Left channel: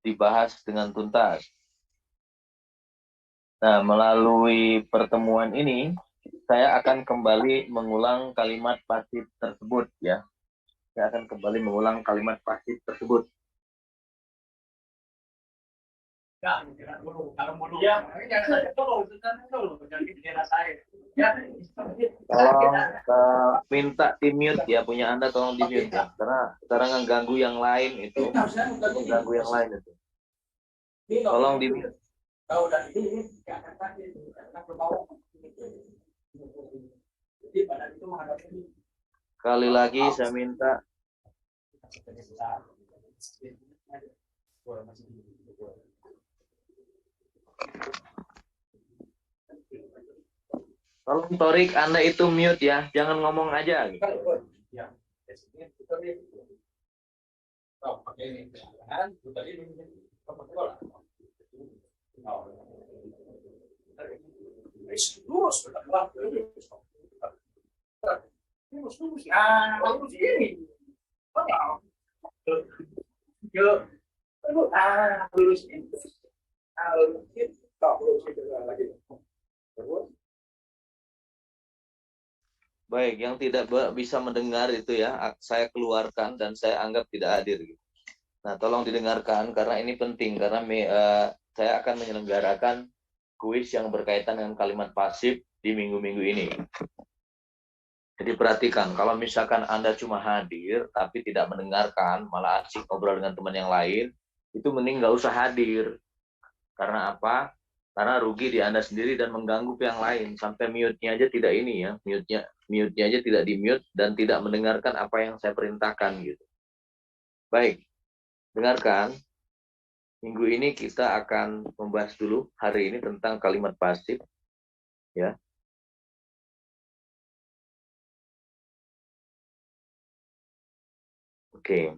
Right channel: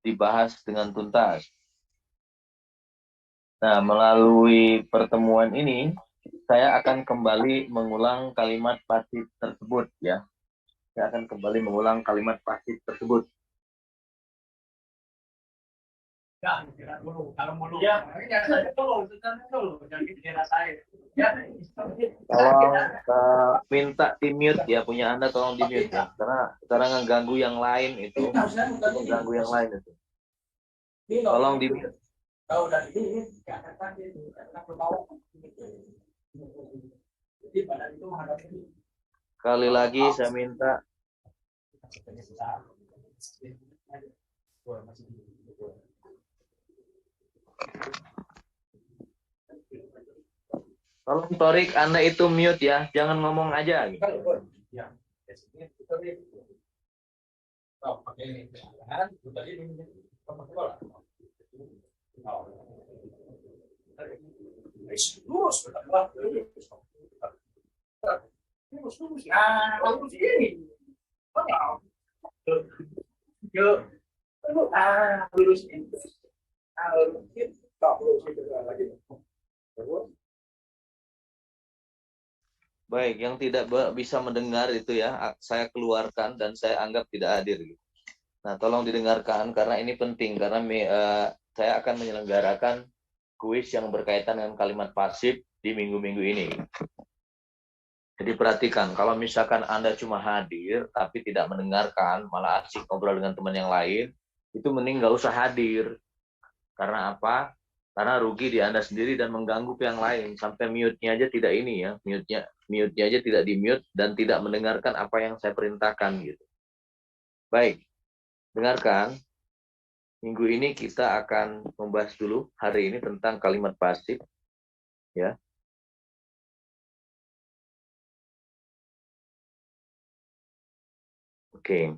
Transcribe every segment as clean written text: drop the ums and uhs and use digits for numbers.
dibahas dengan tuntas. Nah, melalui pertemuan ini, saya akan kembali mengulang kalimat pasif tersebut ya. Saya akan kembali mengulang kalimat pasif tersebut. Tolong minta di mute ya, punya Anda tolong di mute ya, karena sekarang mengganggu yang lain itu, mengganggu yang lain itu. Tolong di mute. Sekali lagi saya minta. Tolong Torik, Anda itu mute ya, jangan ngomong aja. Gitu. Baik, yang tidak bisa mendengar itu ya, saya keluarkan dan saya anggap tidak hadir. Nah, tolong didengarkan karena ini penting, karena saya akan menyelenggarakan kuis yang berkaitan dengan kalimat pasif di minggu-minggu ini. Jadi perhatikan, kalau misalkan Anda cuma hadir tapi tidak mendengarkan, malah asik ngobrol dengan teman yang lain, itu mending nggak usah hadir. Karena apa? Karena rugi di Anda sendiri dan mengganggu ke yang lain. Sampai mute-nya aja tidak ini ya, mute-nya aja tidak di-mute dan tidak mendengarkan apa yang saya perintahkan gitu. Baik, dengarkan. Minggu ini kita akan membahas dulu hari ini tentang kalimat pasif ya. Oke.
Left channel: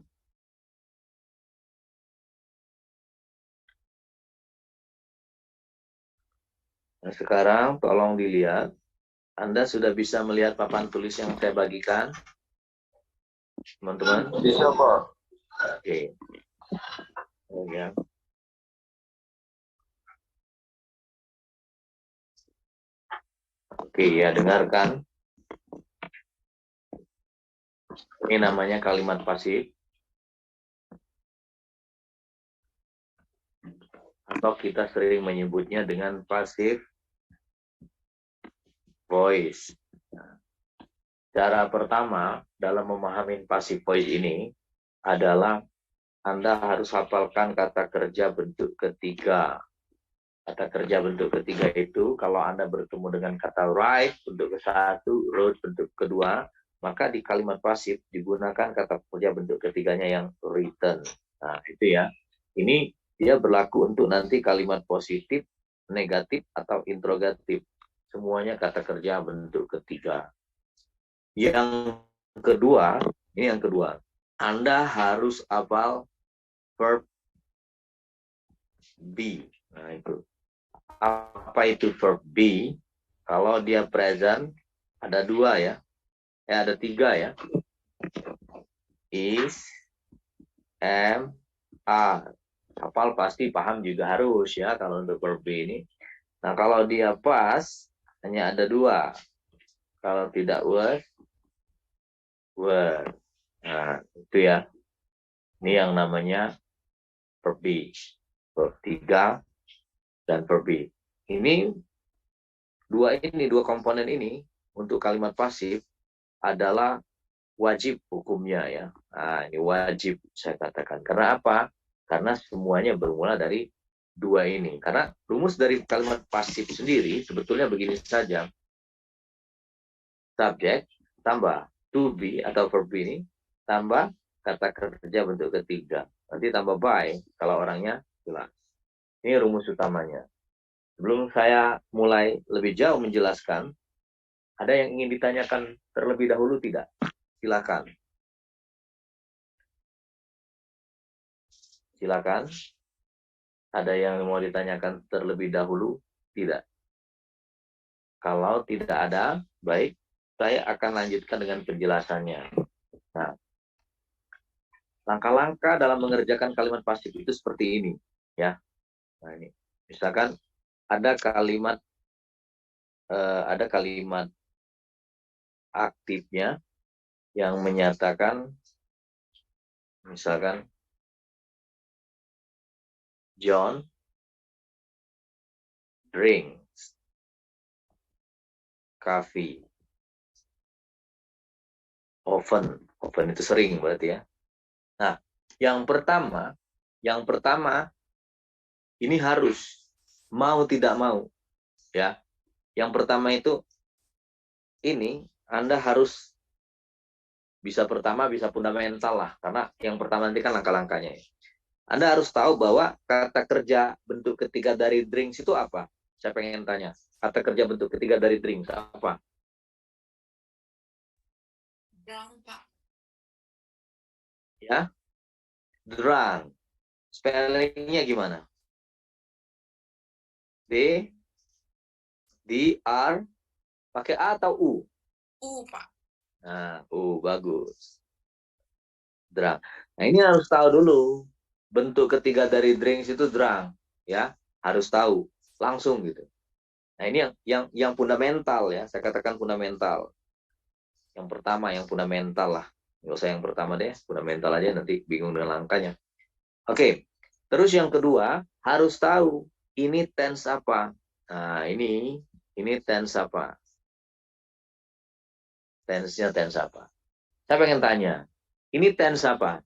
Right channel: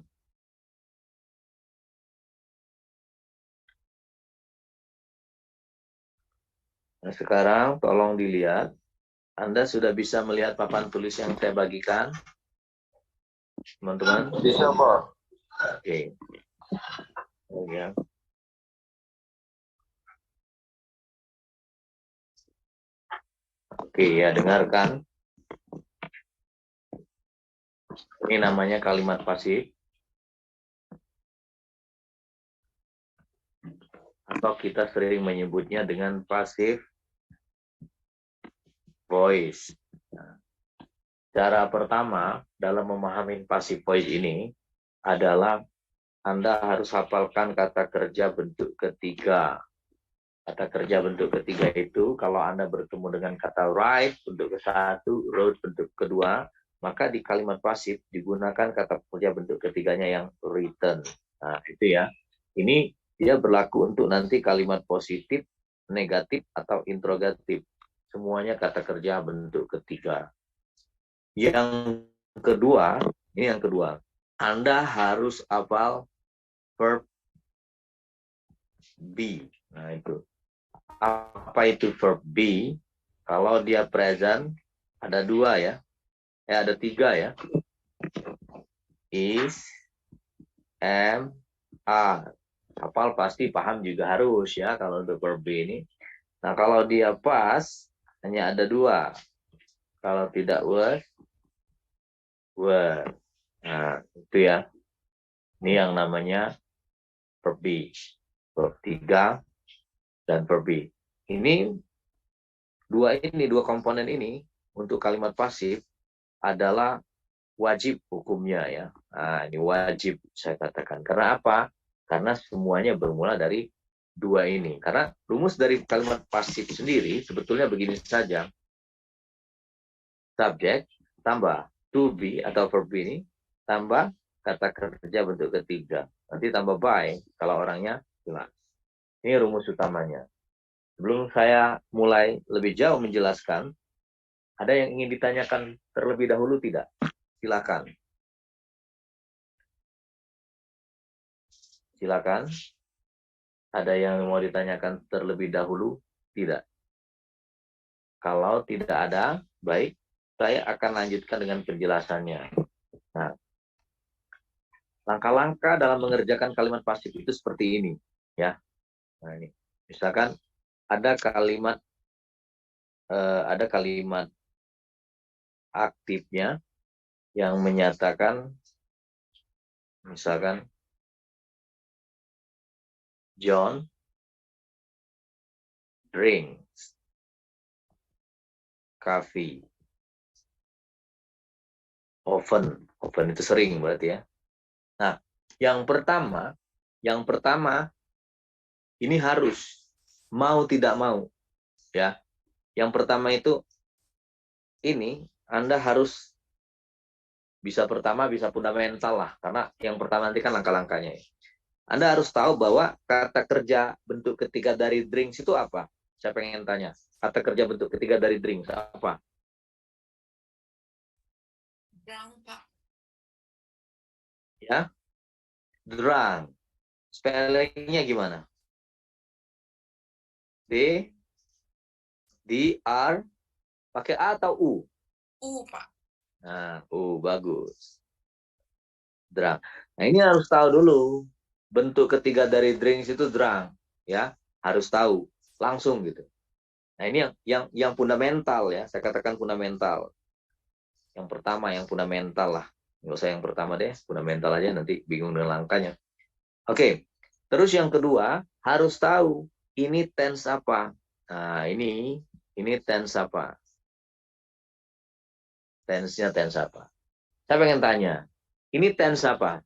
Nah, sekarang tolong dilihat. Anda sudah bisa melihat papan tulis yang saya bagikan? Teman-teman? Bisa, Pak. Oke. Oh, ya. Oke, ya dengarkan. Ini namanya kalimat pasif. Atau kita sering menyebutnya dengan passive voice. Nah, cara pertama dalam memahami passive voice ini adalah Anda harus hafalkan kata kerja bentuk ketiga. Kata kerja bentuk ketiga itu kalau Anda bertemu dengan kata write bentuk ke-1, wrote bentuk kedua, maka di kalimat pasif digunakan kata kerja bentuk ketiganya yang written. Nah, itu ya. Ini dia berlaku untuk nanti kalimat positif, negatif, atau interrogatif. Semuanya kata kerja bentuk ketiga. Yang kedua, ini yang kedua. Anda harus hafal verb be. Nah, itu. Apa itu verb be? Kalau dia present, ada dua ya. Ada tiga ya. Is, am, are. Hafal pasti paham juga harus ya kalau untuk verb be ini. Nah, kalau dia pas, hanya ada dua. Kalau tidak was, were. Nah, itu ya. Ini yang namanya verb be. Verb 3 dan verb be. Ini dua komponen ini untuk kalimat pasif adalah wajib hukumnya ya. Nah, ini wajib saya katakan. Karena apa? Karena semuanya bermula dari dua ini. Karena rumus dari kalimat pasif sendiri sebetulnya begini saja. Subjek tambah to be atau verb ini tambah kata kerja bentuk ketiga. Nanti tambah by kalau orangnya jelas. Ini rumus utamanya. Sebelum saya mulai lebih jauh menjelaskan, ada yang ingin ditanyakan terlebih dahulu tidak? Silakan. Silakan. Ada yang mau ditanyakan terlebih dahulu? Tidak. Kalau tidak ada, baik, saya akan lanjutkan dengan penjelasannya. Nah, Langkah-langkah dalam mengerjakan kalimat pasif itu seperti ini, ya. Nah, ini. Misalkan ada kalimat aktifnya yang menyatakan misalkan John drinks coffee often. Often itu sering berarti ya. Nah, yang pertama ini harus mau tidak mau, ya. Yang pertama itu ini Anda harus bisa pertama, bisa fundamental lah, karena yang pertama nanti kan langkah-langkahnya. Anda harus tahu bahwa kata kerja bentuk ketiga dari drinks itu apa? Saya pengen tanya. Kata kerja bentuk ketiga dari drinks apa? Drunk, Pak. Ya, drunk. Spellingnya gimana? D, D, R, pakai A atau U? Pak. Nah, U, bagus. Drunk. Nah, ini harus tahu dulu. Bentuk ketiga dari drinks itu drunk. Ya, harus tahu. Langsung gitu. Nah, ini yang fundamental ya. Saya katakan fundamental. Yang pertama, yang fundamental lah. Nggak usah yang pertama deh, fundamental aja, nanti bingung dengan langkahnya. Oke, terus yang kedua, harus tahu ini tense apa. Nah, ini tense apa? Tense-nya tense apa? Saya pengen tanya, ini tense apa?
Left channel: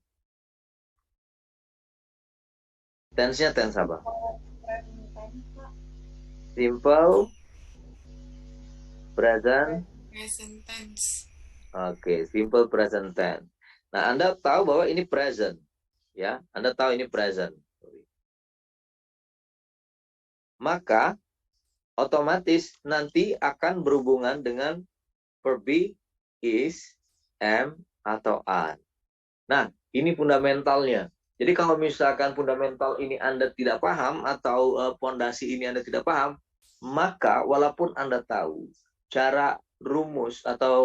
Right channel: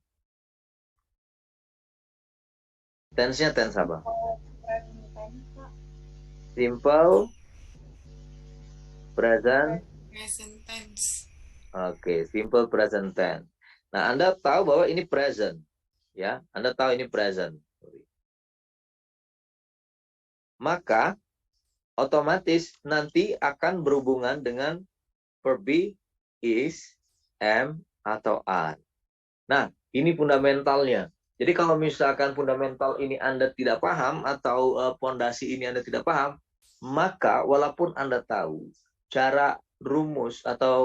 Tense-nya tense apa? Simple, present. Present tense. Oke, simple present tense. Nah, Anda tahu bahwa ini present, ya. Anda tahu ini present. Maka otomatis nanti akan berhubungan dengan verb be, is, am, atau are. Nah, ini fundamentalnya. Jadi kalau misalkan fundamental ini Anda tidak paham atau pondasi ini Anda tidak paham, maka walaupun Anda tahu cara rumus atau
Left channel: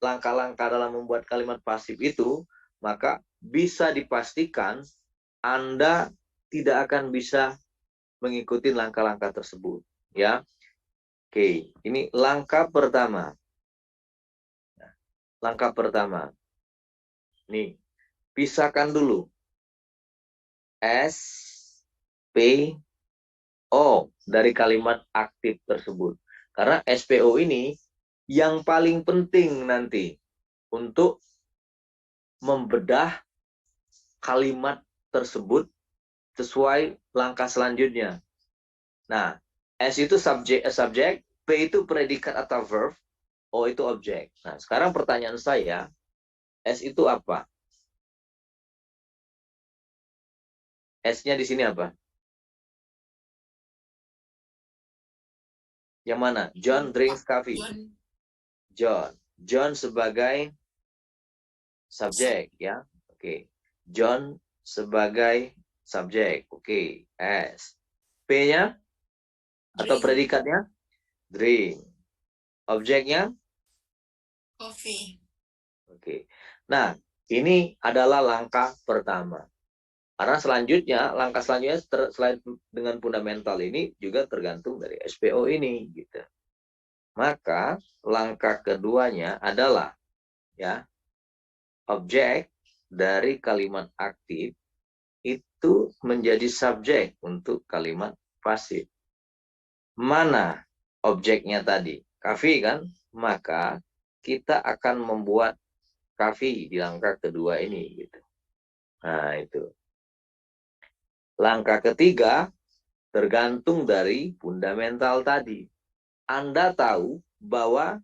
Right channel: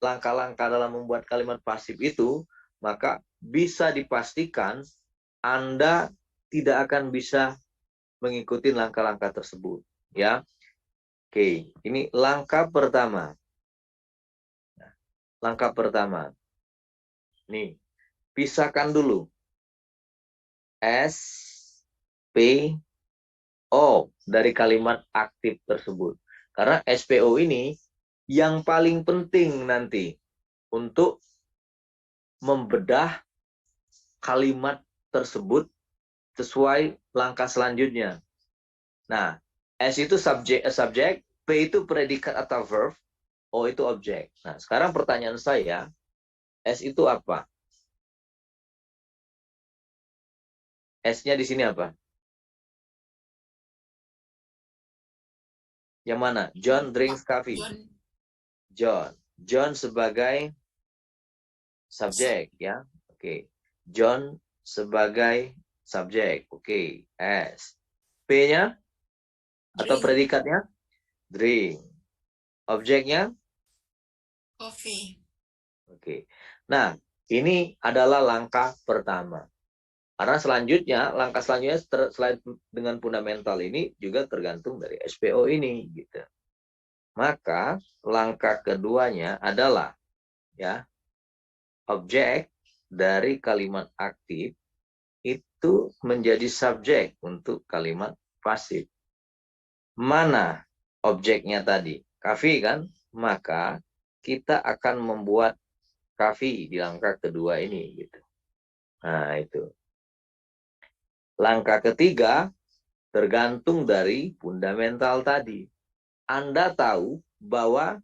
langkah-langkah dalam membuat kalimat pasif itu, maka bisa dipastikan Anda tidak akan bisa mengikuti langkah-langkah tersebut, ya. Oke, ini langkah pertama. Langkah pertama. Nih, pisahkan dulu S, P, O dari kalimat aktif tersebut. Karena SPO ini yang paling penting nanti untuk membedah kalimat tersebut sesuai langkah selanjutnya. Nah, S itu subjek, P itu predikat atau verb, O itu objek. Nah, sekarang pertanyaan saya, S itu apa? S-nya di sini apa? Yang mana? John John, Pak. drinks coffee. John. John. John sebagai subjek, ya. Oke. John sebagai subjek. Oke. S. P-nya atau Drink. predikatnya? Drink. Objeknya? Coffee. Oke. Nah, ini adalah langkah pertama. Karena selanjutnya, langkah selanjutnya selain dengan fundamental ini juga tergantung dari SPO ini, gitu. Maka langkah keduanya adalah ya objek dari kalimat aktif itu menjadi subjek untuk kalimat pasif. Mana objeknya tadi? Kafi kan? Maka kita akan membuat kafi di langkah kedua ini, gitu. Nah, itu. Langkah ketiga tergantung dari fundamental tadi. Anda tahu bahwa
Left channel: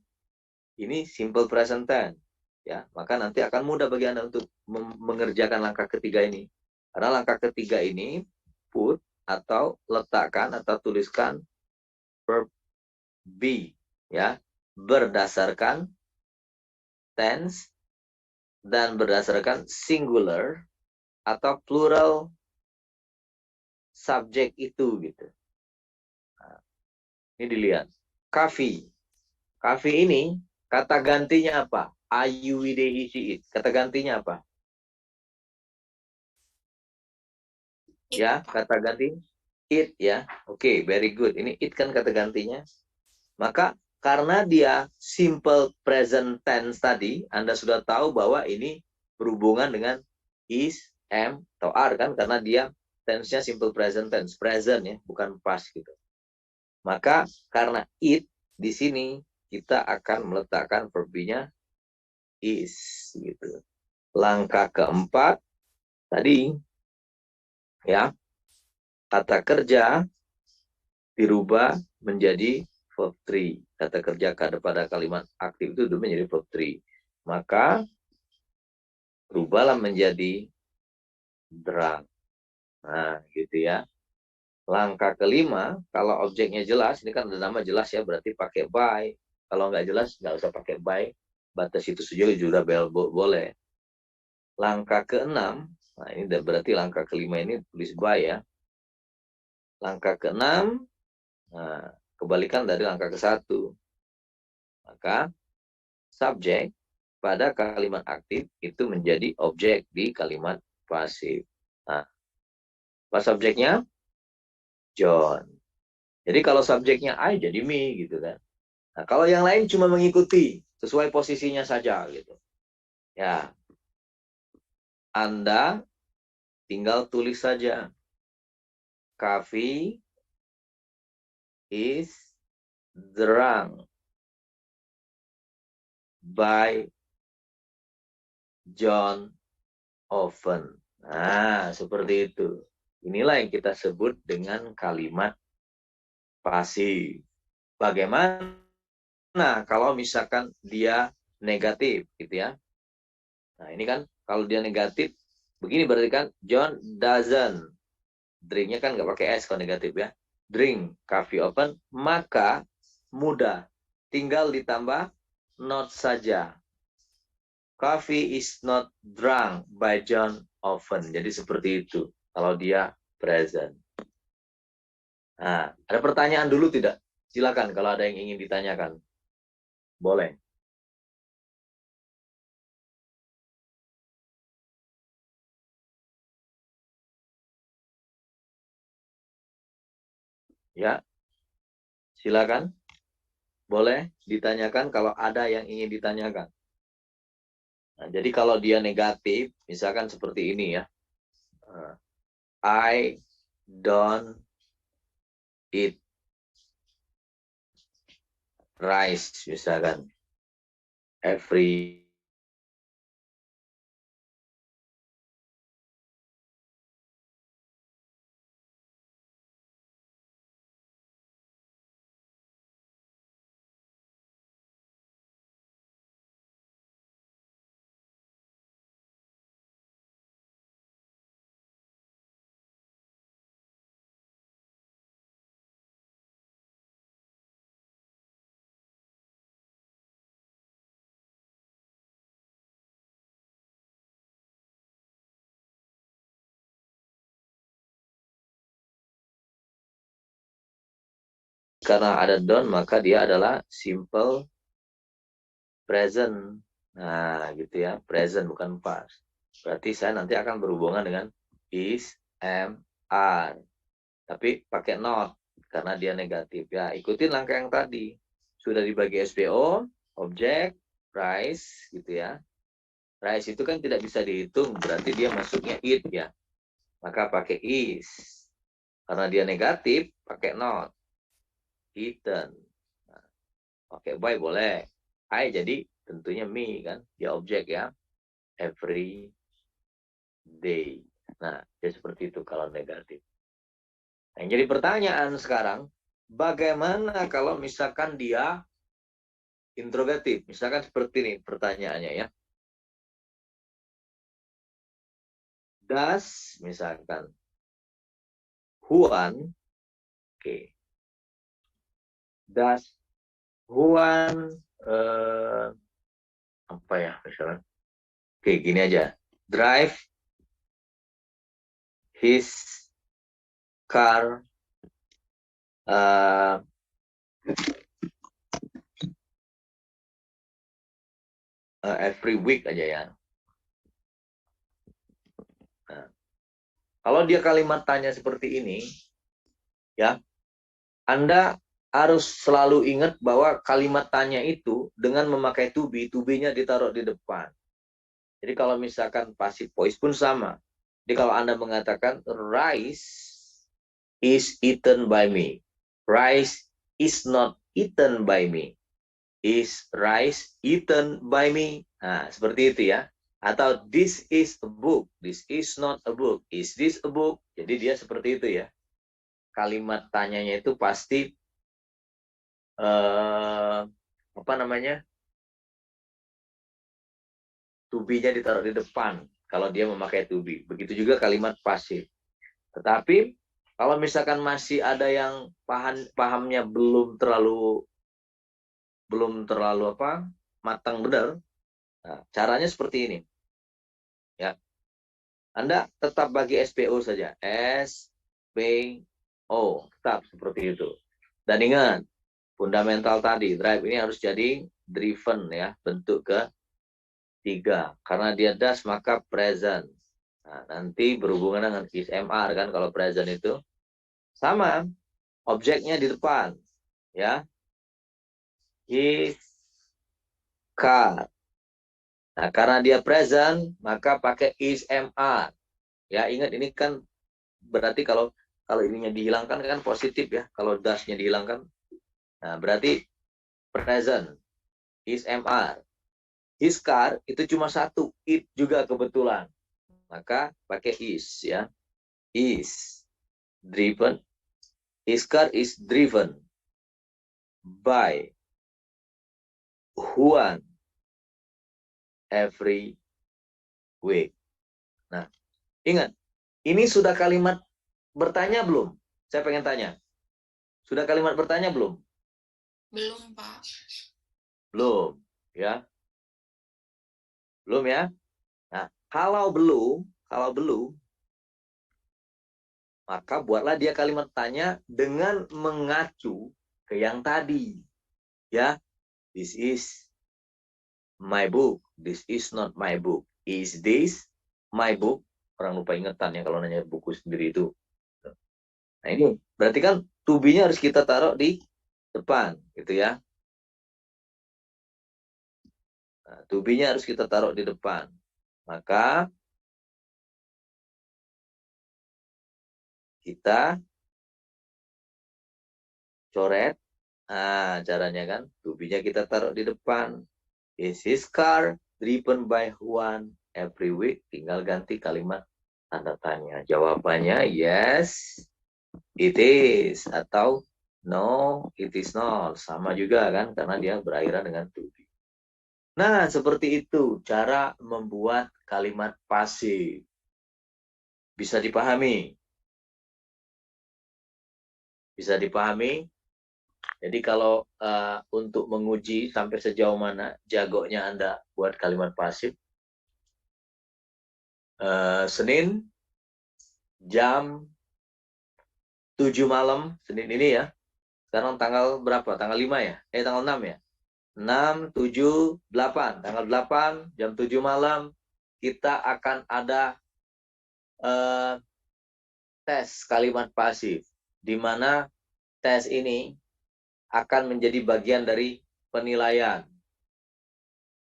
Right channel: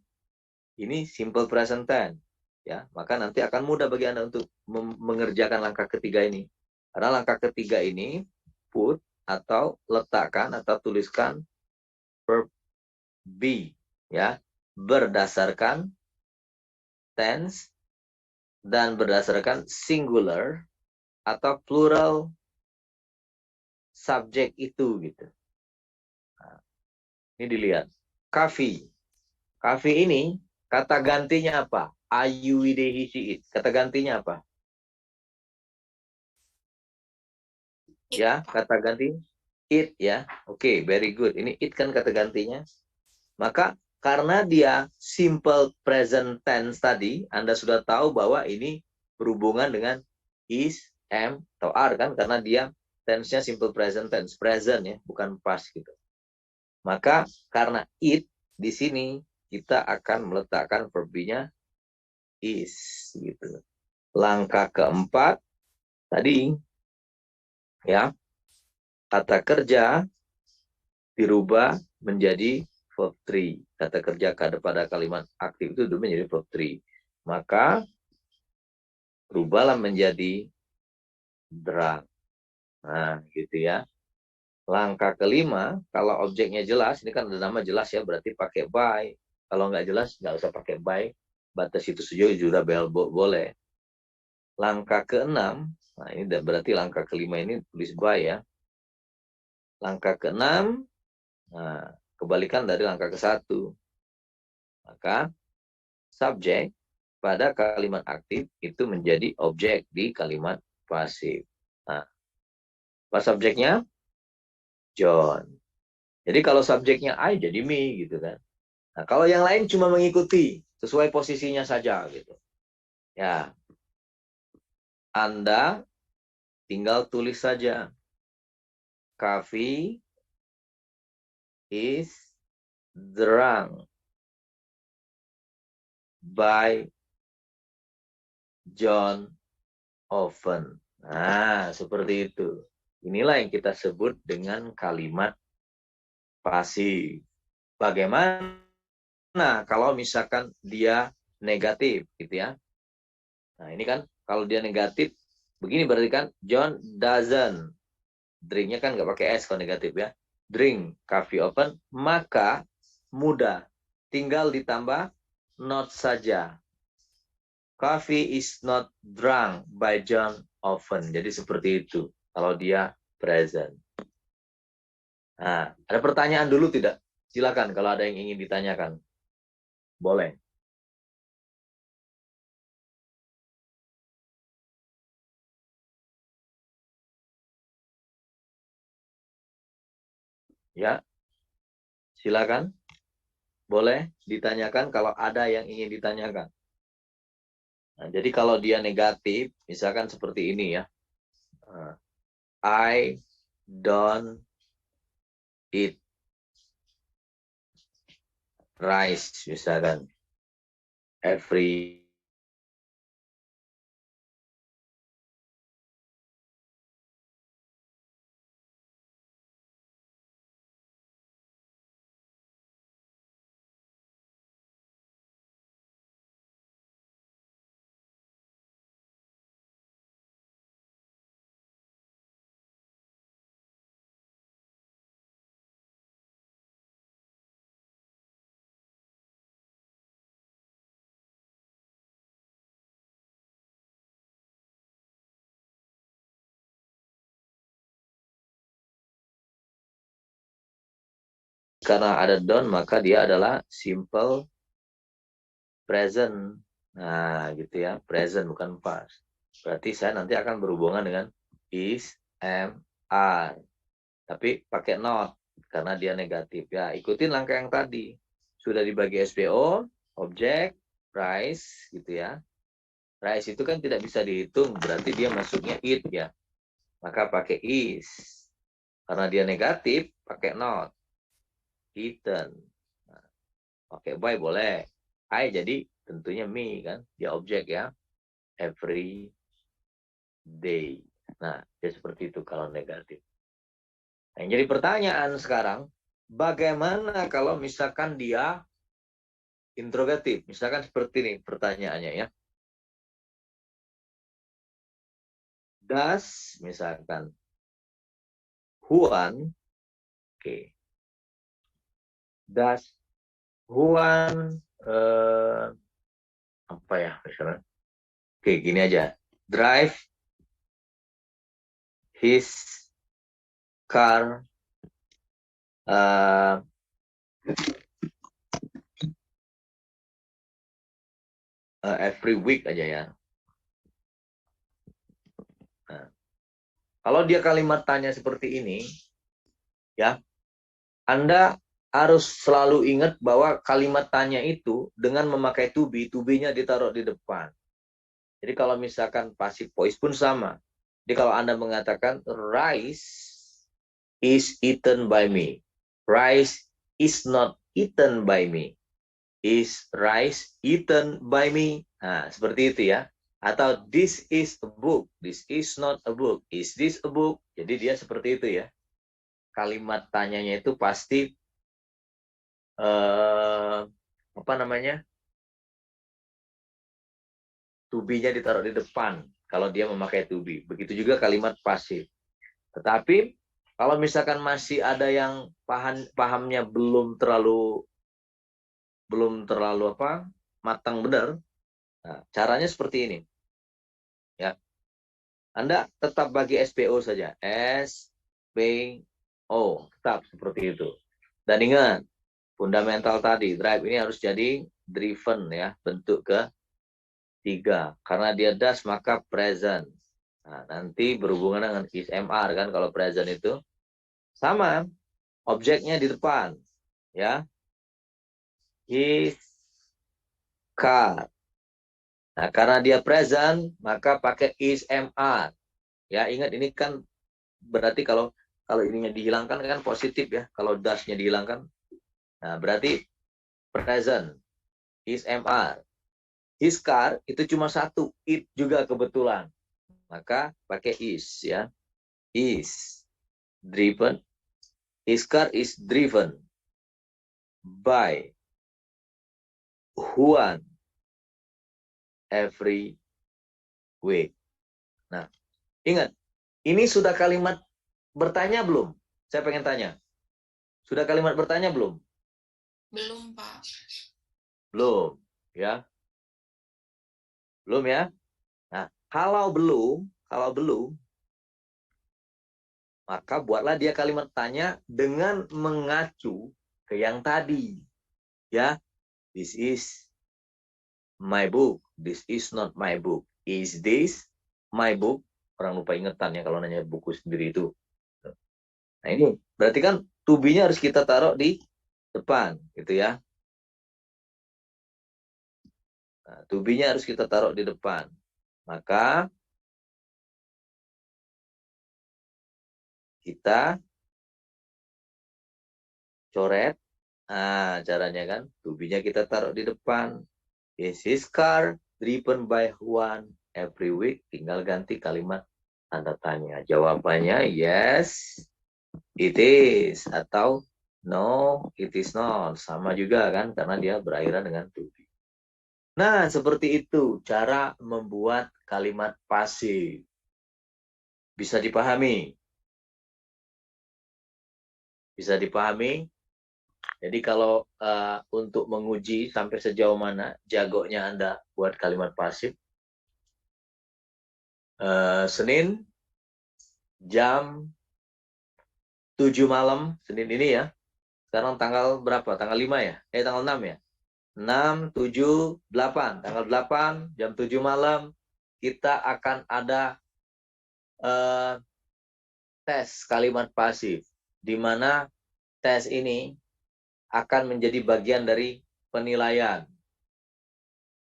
ini simple present tense, ya, maka nanti akan mudah bagi Anda untuk mengerjakan langkah ketiga ini. Karena langkah ketiga ini put atau letakkan atau tuliskan verb be, ya, berdasarkan tense dan berdasarkan singular atau plural subjek itu, gitu. Nah, ini dilihat. Kafi. Kafi ini kata gantinya apa? Ayu, ide, he, she, it. Kata gantinya apa? It, Ya, Pak. kata ganti it ya. Oke, very good. Ini it kan kata gantinya. Maka karena dia simple present tense tadi, Anda sudah tahu bahwa ini berhubungan dengan is, am, atau are kan, karena dia tense-nya simple present tense, present ya, bukan past gitu. Maka karena it di sini kita akan meletakkan verb-nya is gitu. Langkah keempat tadi ya, kata kerja dirubah menjadi verb 3. Kata kerja pada kalimat aktif itu menjadi verb 3. Maka rubahlah menjadi drunk. Nah, gitu ya. Langkah kelima, kalau objeknya jelas, ini kan ada nama jelas ya, berarti pakai by. Kalau nggak jelas, nggak usah pakai by. Batas itu saja juga boleh. Langkah keenam, nah ini berarti langkah kelima ini tulis by ya. Langkah keenam, nah, kebalikan dari langkah ke-1. Maka subjek pada kalimat aktif itu menjadi objek di kalimat pasif. Nah, apa subjeknya? John. Jadi kalau subjeknya I jadi me gitu kan. Nah, kalau yang lain cuma mengikuti sesuai posisinya saja gitu. Ya, Anda tinggal tulis saja. Coffee is drunk by John often. Nah, seperti itu. Inilah yang kita sebut dengan kalimat pasif. Bagaimana kalau misalkan dia negatif gitu ya. Nah, ini kan kalau dia negatif begini berarti kan John doesn't. Drinknya kan nggak pakai S kalau negatif ya. Drink coffee often, maka mudah. Tinggal ditambah not saja. Coffee is not drunk by John often. Jadi seperti itu kalau dia present. Nah, ada pertanyaan dulu tidak? Silakan kalau ada yang ingin ditanyakan. Boleh. Ya, silakan. Boleh ditanyakan kalau ada yang ingin ditanyakan. Nah, jadi kalau dia negatif, misalkan seperti ini ya. I don't eat rice, misalkan. Every karena ada don't, maka dia adalah simple present. Nah, gitu ya. Present bukan past. Berarti saya nanti akan berhubungan dengan is, am, are. Tapi pakai not karena dia negatif. Ya, ikutin langkah yang tadi. Sudah dibagi SPO, objek, price gitu ya. Price itu kan tidak bisa dihitung, berarti dia masuknya it ya. Maka pakai is. Karena dia negatif, pakai not. Eaten. Nah, pakai by boleh. I jadi tentunya me kan, dia objek ya. Every day. Nah, dia seperti itu kalau negatif. Nah, yang jadi pertanyaan sekarang, bagaimana kalau misalkan dia interrogatif? Misalkan seperti ini pertanyaannya ya. Does, misalkan, Juan, oke. Does Juan, apa ya misalnya? Oke, gini aja. Drive his car uh, every week aja ya. Nah, Kalau dia kalimat tanya seperti ini, ya, Anda harus selalu ingat bahwa kalimat tanya itu dengan memakai to be, to-be-nya ditaruh di depan. Jadi kalau misalkan passive voice pun sama. Jadi kalau Anda mengatakan rice is eaten by me. Rice is not eaten by me. Is rice eaten by me? Nah, seperti itu ya. Atau this is a book. This is not a book. Is this a book? Jadi dia seperti itu ya. Kalimat tanyanya itu pasti apa namanya? To be-nya ditaruh di depan kalau dia memakai to be. Begitu juga kalimat pasif. Tetapi kalau misalkan masih ada yang pahamnya belum terlalu apa matang benar, nah, caranya seperti ini. Ya, Anda tetap bagi SPO saja, SPO tetap seperti itu. Dan ingat, fundamental tadi drive ini harus jadi driven ya, bentuk ketiga. Karena dia does maka present. Nah, nanti berhubungan dengan is MR kan kalau present itu sama objeknya di depan ya. His car. Nah, karena dia present maka pakai is MR. Ya, ingat ini kan berarti kalau ininya dihilangkan kan positif ya. Kalau does-nya dihilangkan. Nah, berarti present is MR. His car itu cuma satu, it juga kebetulan. Maka pakai is ya. Is driven. His car is driven by Juan every week. Nah, ingat, ini sudah kalimat bertanya belum? Saya pengen tanya. Sudah kalimat bertanya belum? Belum, Pak. Belum, ya. Belum ya? Nah, kalau belum, maka buatlah dia kalimat tanya dengan mengacu ke yang tadi. Ya, this is my book. This is not my book. Is this my book? Orang lupa ingetan ya kalau nanya buku sendiri itu. Nah ini berarti kan to be-nya harus kita taruh di depan, gitu ya. Nah, to be-nya harus kita taruh di depan. Maka kita coret. Nah, caranya kan to be-nya kita taruh di depan. Is his car driven by Juan every week? Tinggal ganti kalimat tanda tanya. Jawabannya yes, it is. Atau no, it is not. Sama juga kan, karena dia berakhiran dengan to be. Nah, seperti itu cara membuat kalimat pasif. Bisa dipahami? Bisa dipahami? Jadi kalau untuk menguji sampai sejauh mana jagonya Anda buat kalimat pasif, Senin jam 7 malam, Senin ini ya. Sekarang tanggal berapa? Tanggal 5 ya? Tanggal 6 ya? 6, 7, 8. Tanggal 8, jam 7 malam, kita akan ada tes kalimat pasif. Di mana tes ini akan menjadi bagian dari penilaian.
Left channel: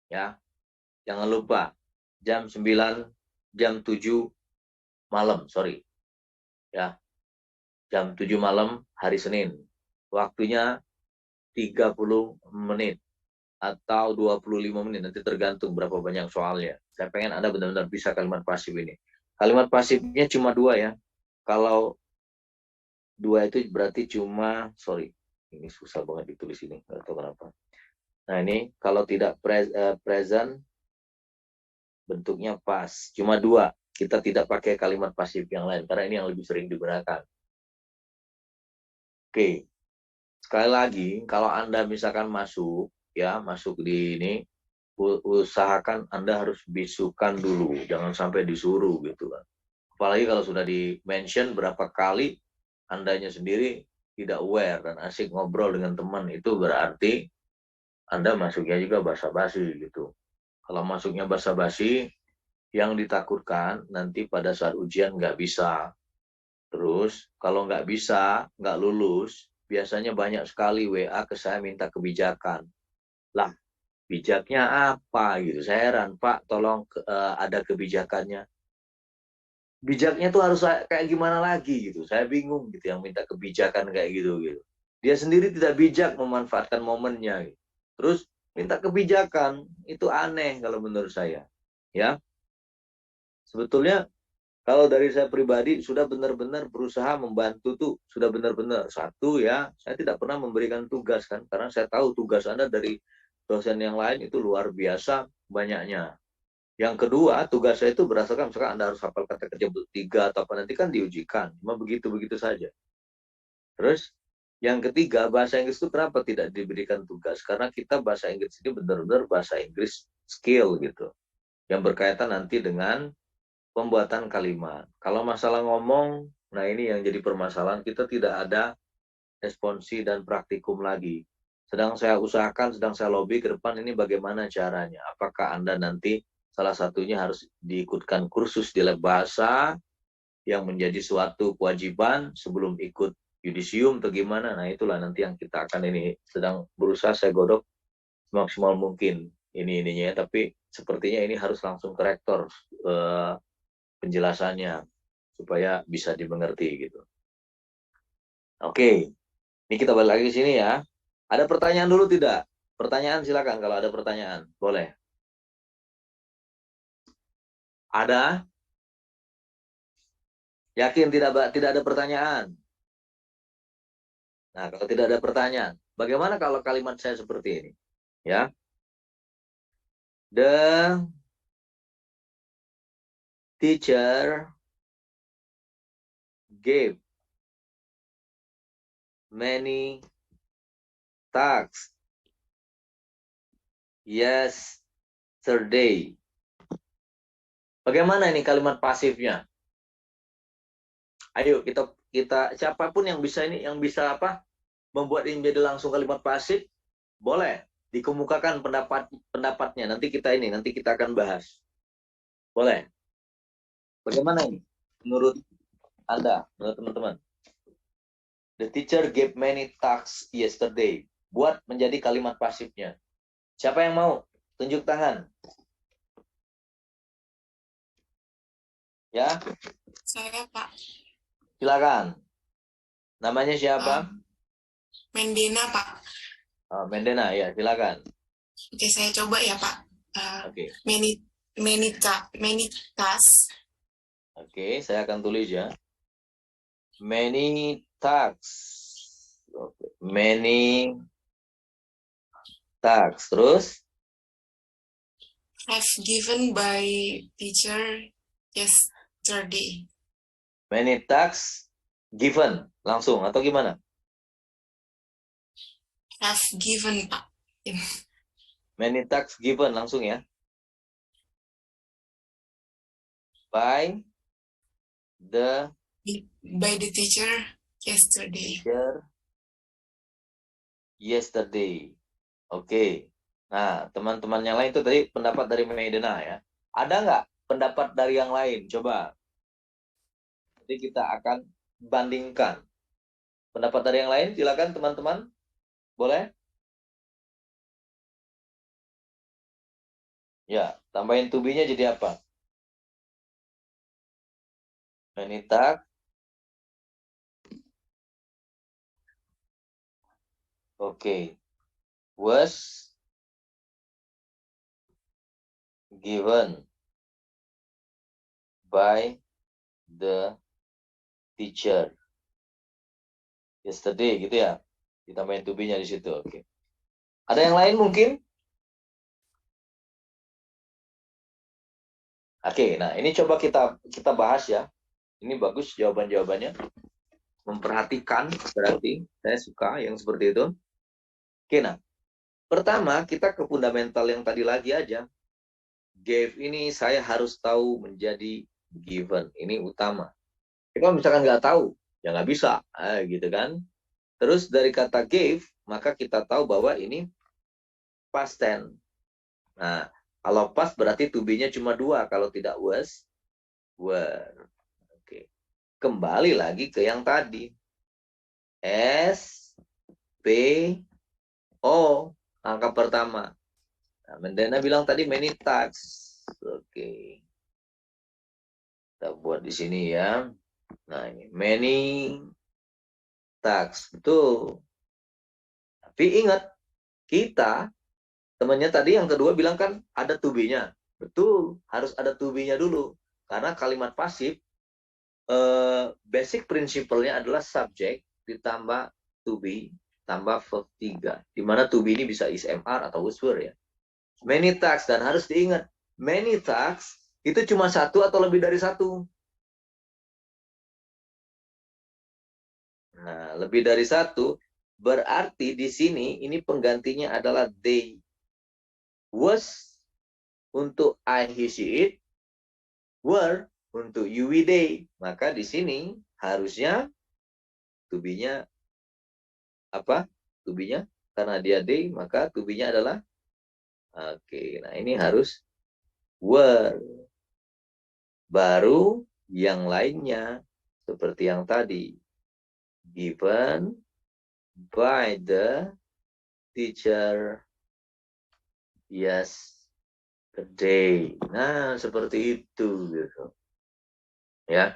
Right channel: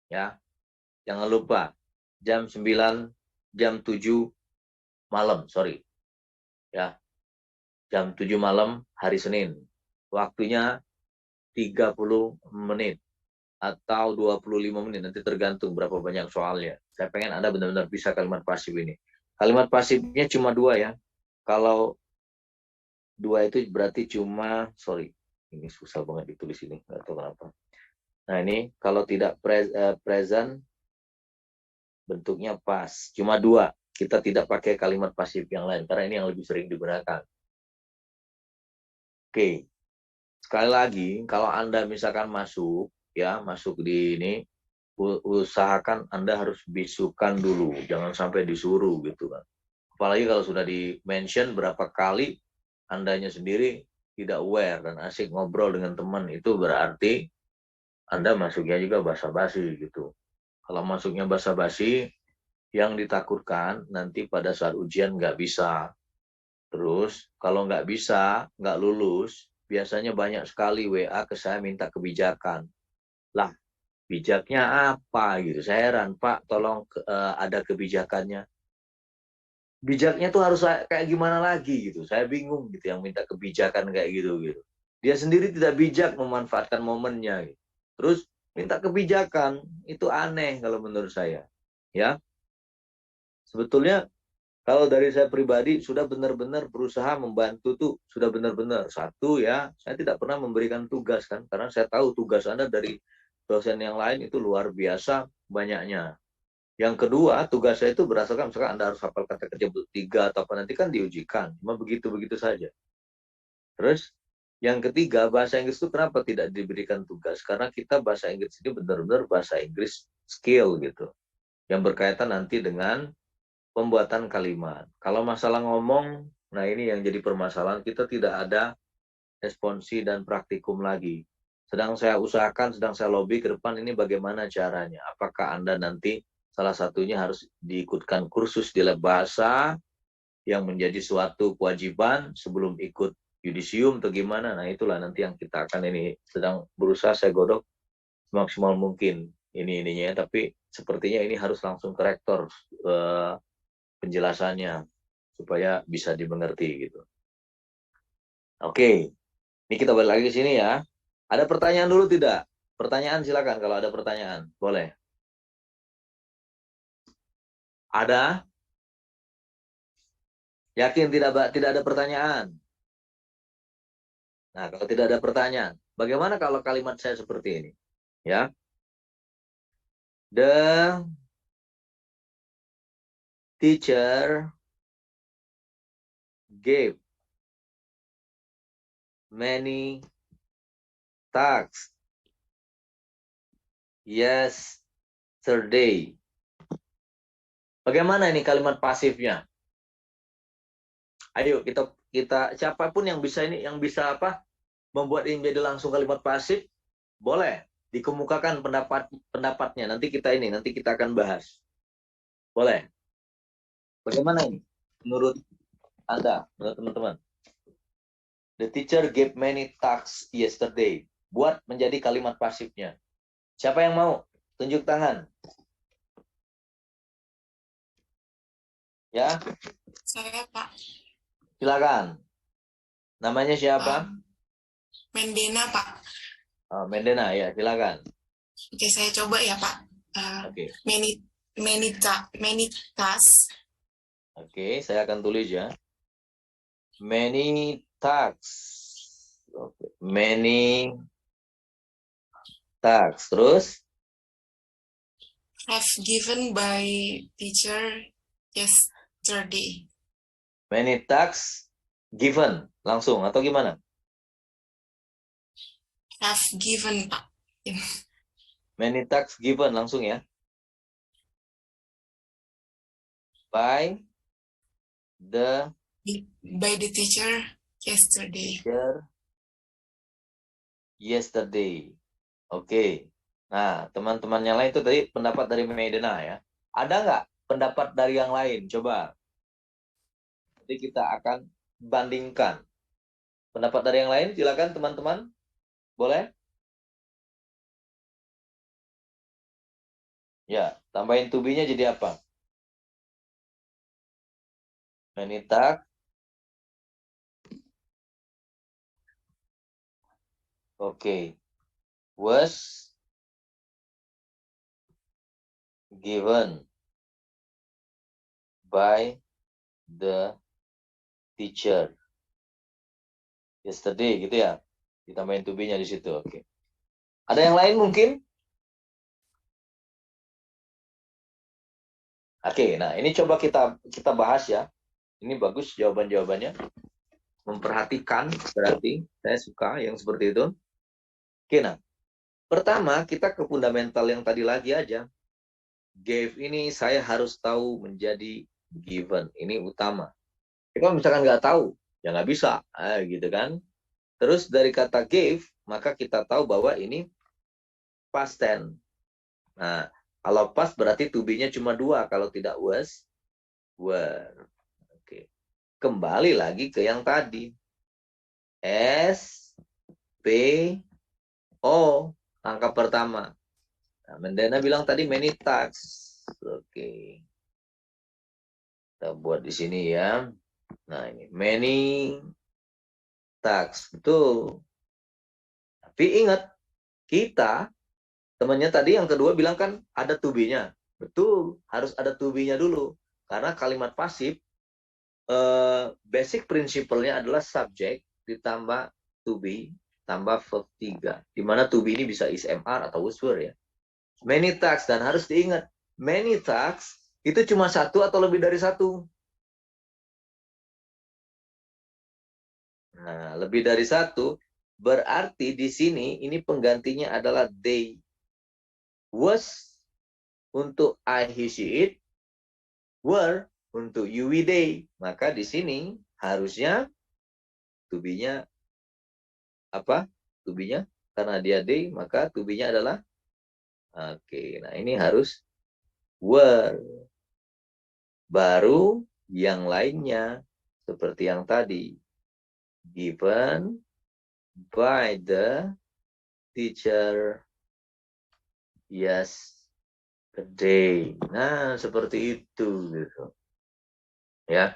Ya, jangan lupa, jam 9, jam 7 malam, sorry. Ya, jam 7 malam hari Senin. Waktunya 30 menit. Atau 25 menit, nanti tergantung berapa banyak soalnya. Saya pengen Anda benar-benar bisa kalimat pasif ini. Kalimat pasifnya cuma 2 ya. Kalau 2 itu berarti cuma, sorry, ini susah banget ditulis ini, nggak tahu kenapa. Nah ini kalau tidak present, bentuknya pas. Cuma 2, kita tidak pakai kalimat pasif yang lain, karena ini yang lebih sering digunakan. Oke, sekali lagi, kalau Anda misalkan masuk di ini, usahakan Anda harus bisukan dulu, jangan sampai disuruh gitu kan. Apalagi kalau sudah di-mention berapa kali, Andanya sendiri tidak aware dan asik ngobrol dengan teman, itu berarti Anda masuknya juga basa-basi gitu. Kalau masuknya basa-basi, yang ditakutkan nanti pada saat ujian nggak bisa. Terus kalau nggak bisa, nggak lulus, biasanya banyak sekali WA ke saya minta kebijakan. Lah, bijaknya apa gitu? Saya heran, Pak, tolong ada kebijakannya. Bijaknya tuh harus kayak gimana lagi gitu. Saya bingung gitu yang minta kebijakan kayak gitu gitu. Dia sendiri tidak bijak memanfaatkan momennya gitu. Terus minta kebijakan itu aneh kalau menurut saya. Ya, sebetulnya kalau dari saya pribadi sudah benar-benar berusaha membantu tuh, sudah benar-benar. Satu ya, saya tidak pernah memberikan tugas kan, karena saya tahu tugas Anda dari dosen yang lain itu luar biasa banyaknya. Yang kedua, tugas saya itu berdasarkan misalkan Anda harus hafal kata kerja bertiga atau apa nanti kan diujikan. Cuma begitu-begitu saja. Terus yang ketiga, bahasa Inggris itu kenapa tidak diberikan tugas? Karena kita bahasa Inggris ini benar-benar bahasa Inggris skill gitu. Yang berkaitan nanti dengan pembuatan kalimat. Kalau masalah ngomong, nah ini yang jadi permasalahan, kita tidak ada responsi dan praktikum lagi. Sedang saya usahakan, sedang saya lobby ke depan ini bagaimana caranya. Apakah Anda nanti salah satunya harus diikutkan kursus di lab bahasa yang menjadi suatu kewajiban sebelum ikut yudisium atau gimana. Nah itulah nanti yang kita akan ini sedang berusaha saya godok semaksimal mungkin ininya. Tapi sepertinya ini harus langsung ke rektor penjelasannya supaya bisa dimengerti gitu. Oke, ini kita balik lagi ke sini ya. Ada pertanyaan dulu tidak? Pertanyaan silakan kalau ada pertanyaan. Boleh. Ada? Yakin tidak ada pertanyaan? Nah, kalau tidak ada pertanyaan, bagaimana kalau kalimat saya seperti ini? Ya. The teacher gave many tasks yesterday. Bagaimana ini kalimat pasifnya? Ayo kita siapapun yang bisa ini yang bisa apa membuat ini menjadi langsung kalimat pasif, boleh dikemukakan pendapatnya. Nanti kita akan bahas. Boleh. Bagaimana ini menurut Anda, menurut teman-teman? The teacher gave many tasks yesterday. Buat menjadi kalimat pasifnya. Siapa yang mau? Tunjuk tangan. Ya, Saya, Pak. silakan. Namanya siapa? Mendena, Pak. Oh, Mendena, ya, silakan. Oke, saya coba ya, Pak. Oke. Many, many tasks. Oke, saya akan tulis ya. Many tasks. Okay. Many tasks. Terus? Have given by teacher yesterday. Many tasks given. Langsung atau gimana? Have given, Pak. Many tasks given. Langsung ya. By the teacher yesterday. Yesterday. Oke. Nah, teman-teman yang lain itu tadi pendapat dari Medena ya. Ada nggak pendapat dari yang lain? Coba. Jadi kita akan bandingkan. Pendapat dari yang lain, silakan teman-teman. Boleh? Ya, tambahin to be-nya jadi apa? Menita. Oke. Was given by the teacher yesterday gitu ya. Ditambahin to be-nya di situ. Oke. Ada yang lain mungkin? Oke, nah ini coba kita bahas ya. Ini bagus jawaban-jawabannya. Memperhatikan berarti saya suka yang seperti itu. Oke, nah. Pertama, kita ke fundamental yang tadi lagi aja. Gave ini saya harus tahu menjadi given. Ini utama. Kalau misalkan nggak tahu, ya nggak bisa. Gitu kan. Terus dari kata gave, maka kita tahu bahwa ini past tense. Nah, kalau past berarti to be-nya cuma dua. Kalau tidak was, were. Oke. kembali lagi ke yang tadi. S, P, O, angka pertama. Nah, Mendana bilang tadi many tasks. Oke. Kita buat di sini ya. Nah, ini many tasks. Betul. Tapi ingat, kita, temannya tadi yang kedua bilang kan ada to be-nya. Betul, harus ada to be-nya dulu. Karena kalimat pasif, basic principle-nya adalah subject ditambah to be tambah verb 3. Di mana to be ini bisa is MR atau was were ya. Many tasks, dan harus diingat, many tasks itu cuma satu atau lebih dari satu. Nah, lebih dari satu berarti di sini ini penggantinya adalah they. Was untuk I, he, she, it. Were untuk you, we, they. Maka di sini harusnya to be-nya apa? To be-nya karena dia they, maka to be-nya adalah oke. Nah, ini harus were. Baru yang lainnya seperti yang tadi. Given by the teacher yesterday. Nah, seperti itu gitu. Ya.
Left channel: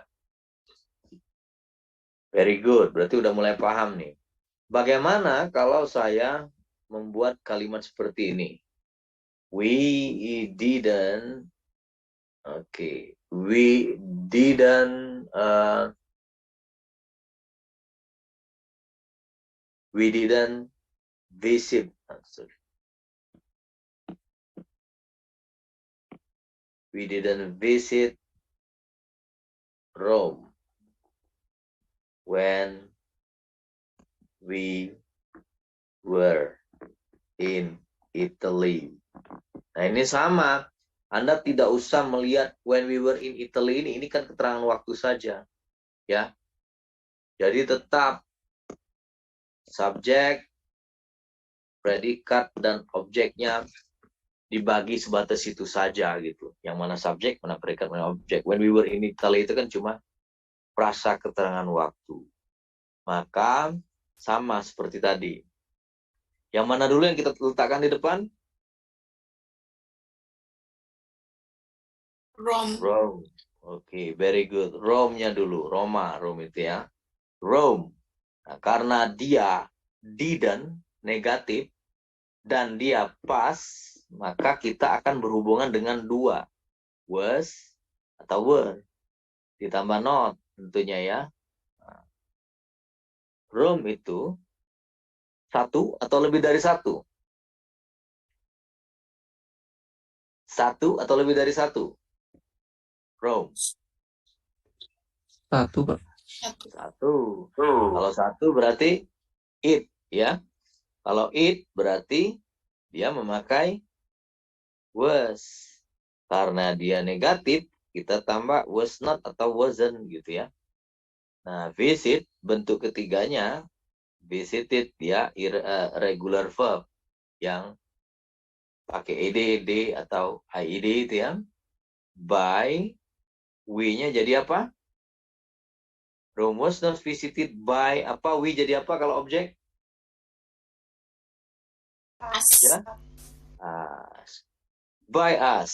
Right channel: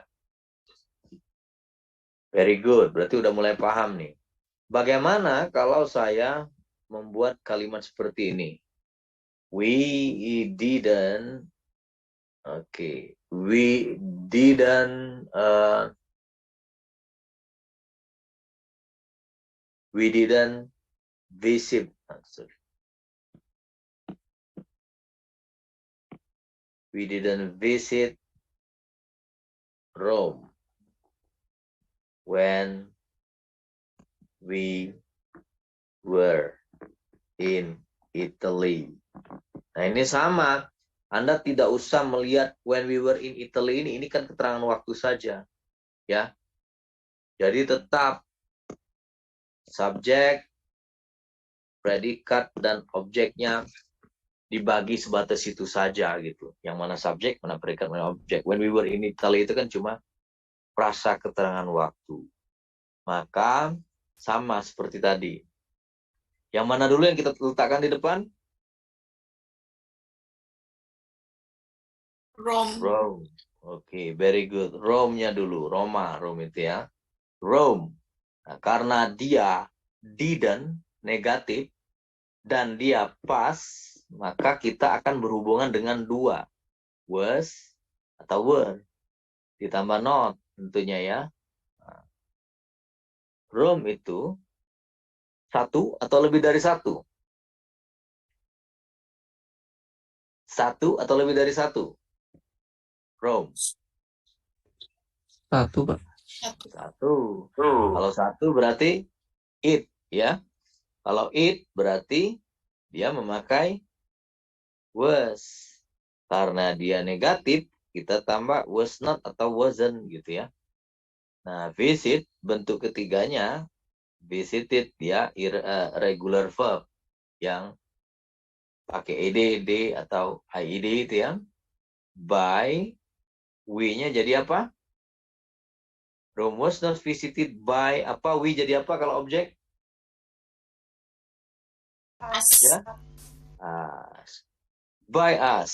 Very good. Berarti udah mulai paham nih. Bagaimana kalau saya membuat kalimat seperti ini? We didn't we didn't visit. We didn't visit Rome when we were in Italy. Nah, ini sama. Anda tidak usah melihat when we were in Italy ini kan keterangan waktu saja. Ya. Jadi tetap subjek, predikat, dan objeknya dibagi sebatas itu saja gitu. Yang mana subjek, mana predikat, mana objek. When we were in Italy itu kan cuma prasa keterangan waktu. Maka sama seperti tadi. Yang mana dulu yang kita letakkan di depan? Rome. Rome. Oke, very good. Rome-nya dulu. Roma, Rome itu ya. Rome. Nah, karena dia didn't, negatif, dan dia pas, maka kita akan berhubungan dengan dua. Was atau were. Ditambah not tentunya ya. Nah, Rome itu satu atau lebih dari satu? Satu atau lebih dari satu? Rome. Satu, Pak. Satu. Kalau satu berarti it ya. Kalau it berarti dia memakai was. Karena dia negatif, kita tambah was not atau wasn't gitu ya. Nah, visit bentuk ketiganya, visited ya, regular verb yang pakai ed, d atau ied itu ya. By, we-nya jadi apa? Rome was not visited by apa? We jadi apa kalau objek? Us. Ya. By us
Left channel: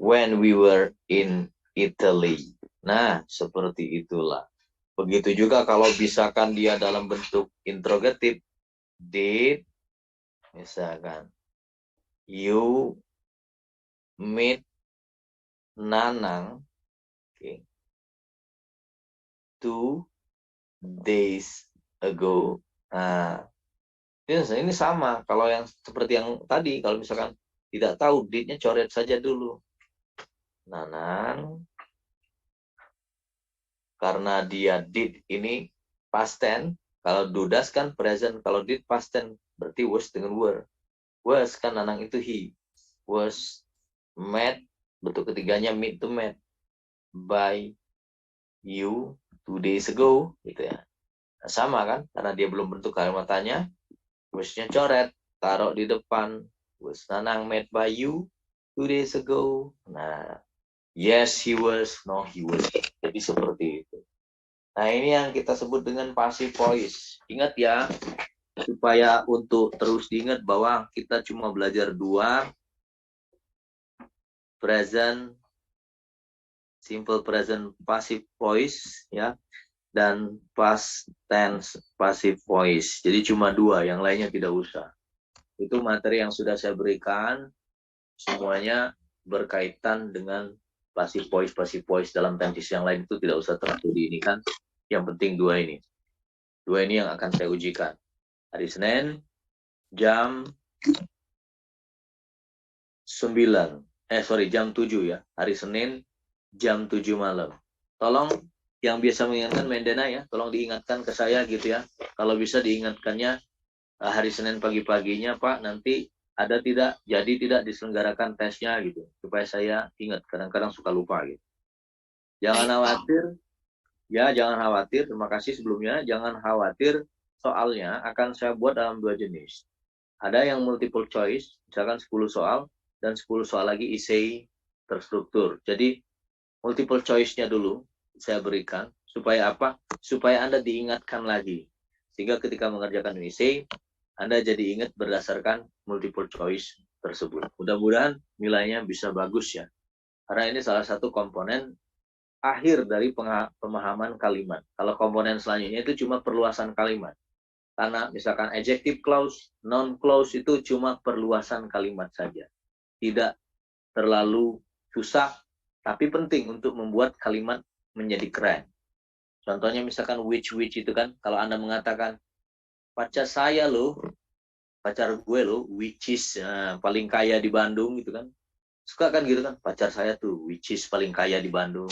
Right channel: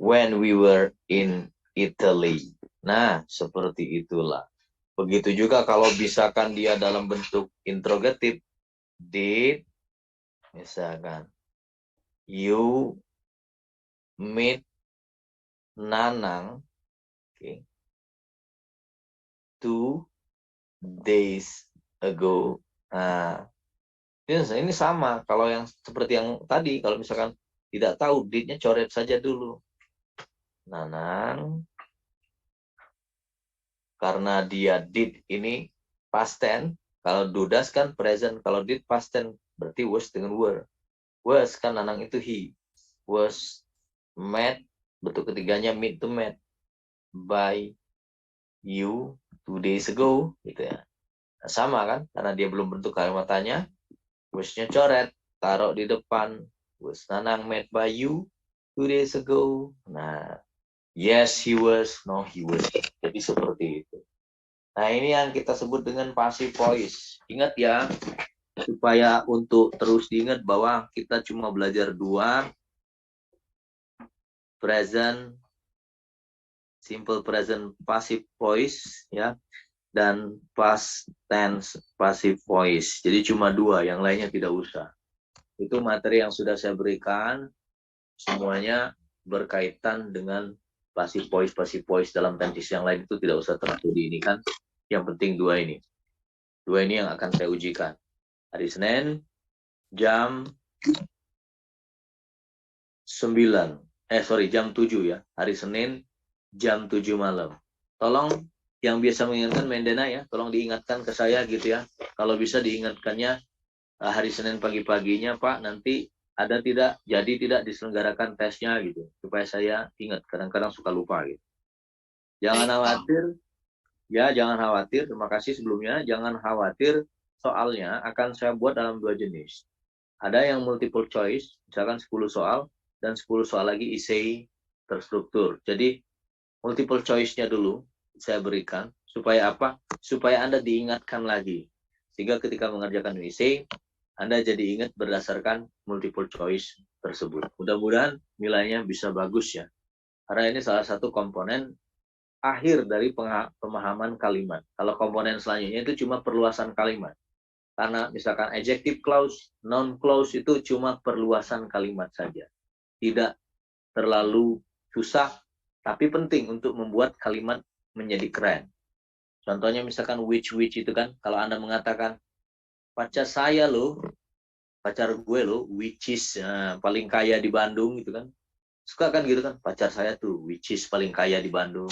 when we were in Italy. Nah, seperti itulah. Begitu juga kalau misalkan dia dalam bentuk interrogatif. Did, misalkan, you meet Nanang, okay, 2 days ago. Nah, ini sama. Kalau yang seperti yang tadi, kalau misalkan tidak tahu, did-nya coret saja dulu. Nanang, karena dia did ini past tense, kalau dudas kan present, kalau did past tense, berarti was dengan were. Was kan Nanang itu he. Was met, bentuk ketiganya meet to met, by you 2 days ago, gitu ya. Nah, sama kan, karena dia belum bentuk kalimat tanya, was-nya coret, taruh di depan, was Nanang met by you 2 days ago. Nah, yes he was, no he was. Jadi seperti itu. Nah, ini yang kita sebut dengan passive voice. Ingat ya, supaya untuk terus diingat bahwa kita cuma belajar dua, present, simple present passive voice, ya, dan past tense passive voice. Jadi cuma dua, yang lainnya tidak usah. Itu materi yang sudah saya berikan, semuanya berkaitan dengan passive voice dalam tenses yang lain itu tidak usah terlalu ini kan. Yang penting dua ini. Dua ini yang akan saya ujikan. Hari Senin, jam 7 ya. Hari Senin, jam 7 malam. Tolong yang biasa mengingatkan Mendena ya, tolong diingatkan ke saya gitu ya. Kalau bisa diingatkannya hari Senin pagi-paginya Pak, nanti ada tidak, jadi tidak diselenggarakan tesnya gitu. Supaya saya ingat, kadang-kadang suka lupa gitu. Jangan khawatir, ya jangan khawatir, terima kasih sebelumnya. Jangan khawatir, soalnya akan saya buat dalam dua jenis. Ada yang multiple choice, misalkan 10 soal, dan 10 soal lagi essay terstruktur. Jadi multiple choice-nya dulu saya berikan, supaya apa? Supaya Anda diingatkan lagi. Sehingga ketika mengerjakan essay, Anda jadi ingat berdasarkan multiple choice tersebut. Mudah-mudahan nilainya bisa bagus ya. Karena ini salah satu komponen akhir dari pemahaman kalimat. Kalau komponen selanjutnya itu cuma perluasan kalimat. Karena misalkan adjective clause, noun clause itu cuma perluasan kalimat saja. Tidak terlalu susah, tapi penting untuk membuat kalimat menjadi keren. Contohnya misalkan which itu kan, kalau Anda mengatakan, pacar saya loh, pacar gue loh, which is paling kaya di Bandung gitu kan. Suka kan gitu kan, pacar saya tuh, which is paling kaya di Bandung,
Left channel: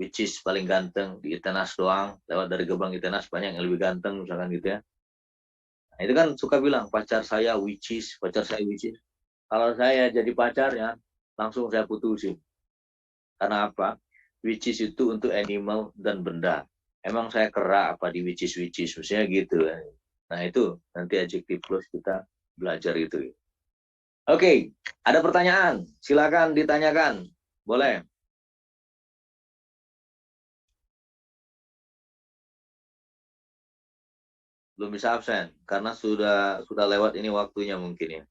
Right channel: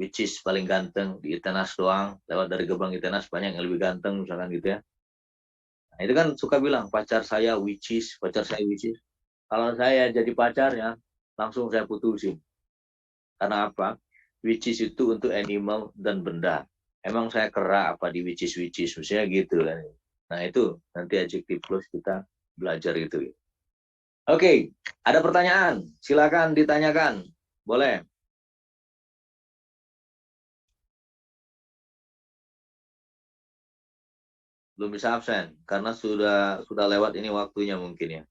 which is paling ganteng di Itenas doang, lewat dari gerbang Itenas banyak yang lebih ganteng misalkan gitu ya. Nah, itu kan suka bilang, pacar saya which is, pacar saya which is. Kalau saya jadi pacarnya, langsung saya putusin. Karena apa? Which is itu untuk animal dan benda. Emang saya kera apa di which is, misalnya gitu. Nah itu nanti adjective clause kita belajar itu. Oke, ada pertanyaan? Silakan ditanyakan. Boleh. Belum bisa absen karena sudah lewat ini waktunya mungkin ya.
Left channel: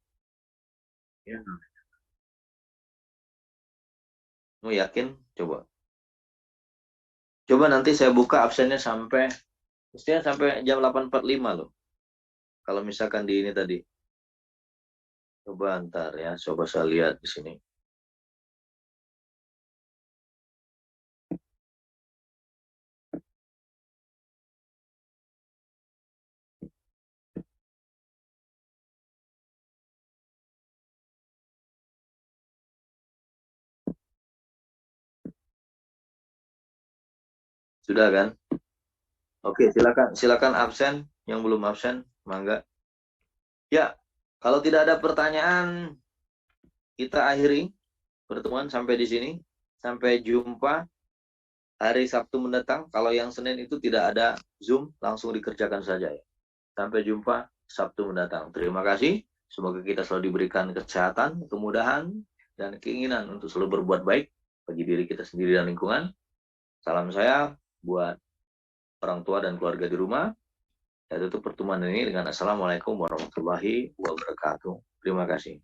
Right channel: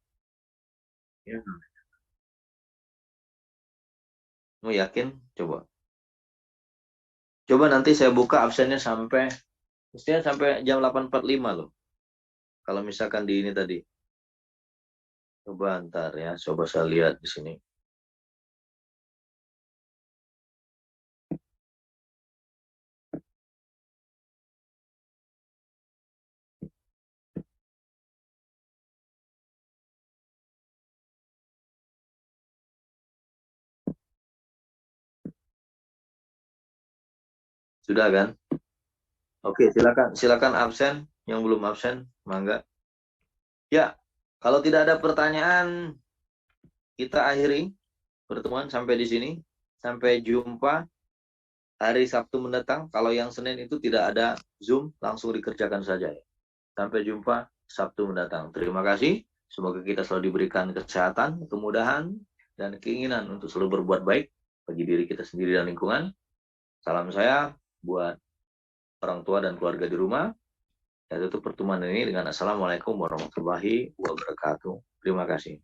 Ya. Mau yakin? Coba. Coba nanti saya buka absennya mestinya sampai jam 8.45 loh. Kalau misalkan di ini tadi. Coba ntar ya, coba saya lihat di sini. Sudah kan? Oke, silakan absen yang belum absen, mangga. Ya, kalau tidak ada pertanyaan, kita akhiri pertemuan sampai di sini. Sampai jumpa hari Sabtu mendatang. Kalau yang Senin itu tidak ada Zoom, langsung dikerjakan saja ya. Sampai jumpa Sabtu mendatang. Terima kasih. Semoga kita selalu diberikan kesehatan, kemudahan, dan keinginan untuk selalu berbuat baik bagi diri kita sendiri dan lingkungan. Salam saya buat orang tua dan keluarga di rumah. Saya tutup pertemuan ini dengan Assalamualaikum warahmatullahi wabarakatuh. Terima kasih.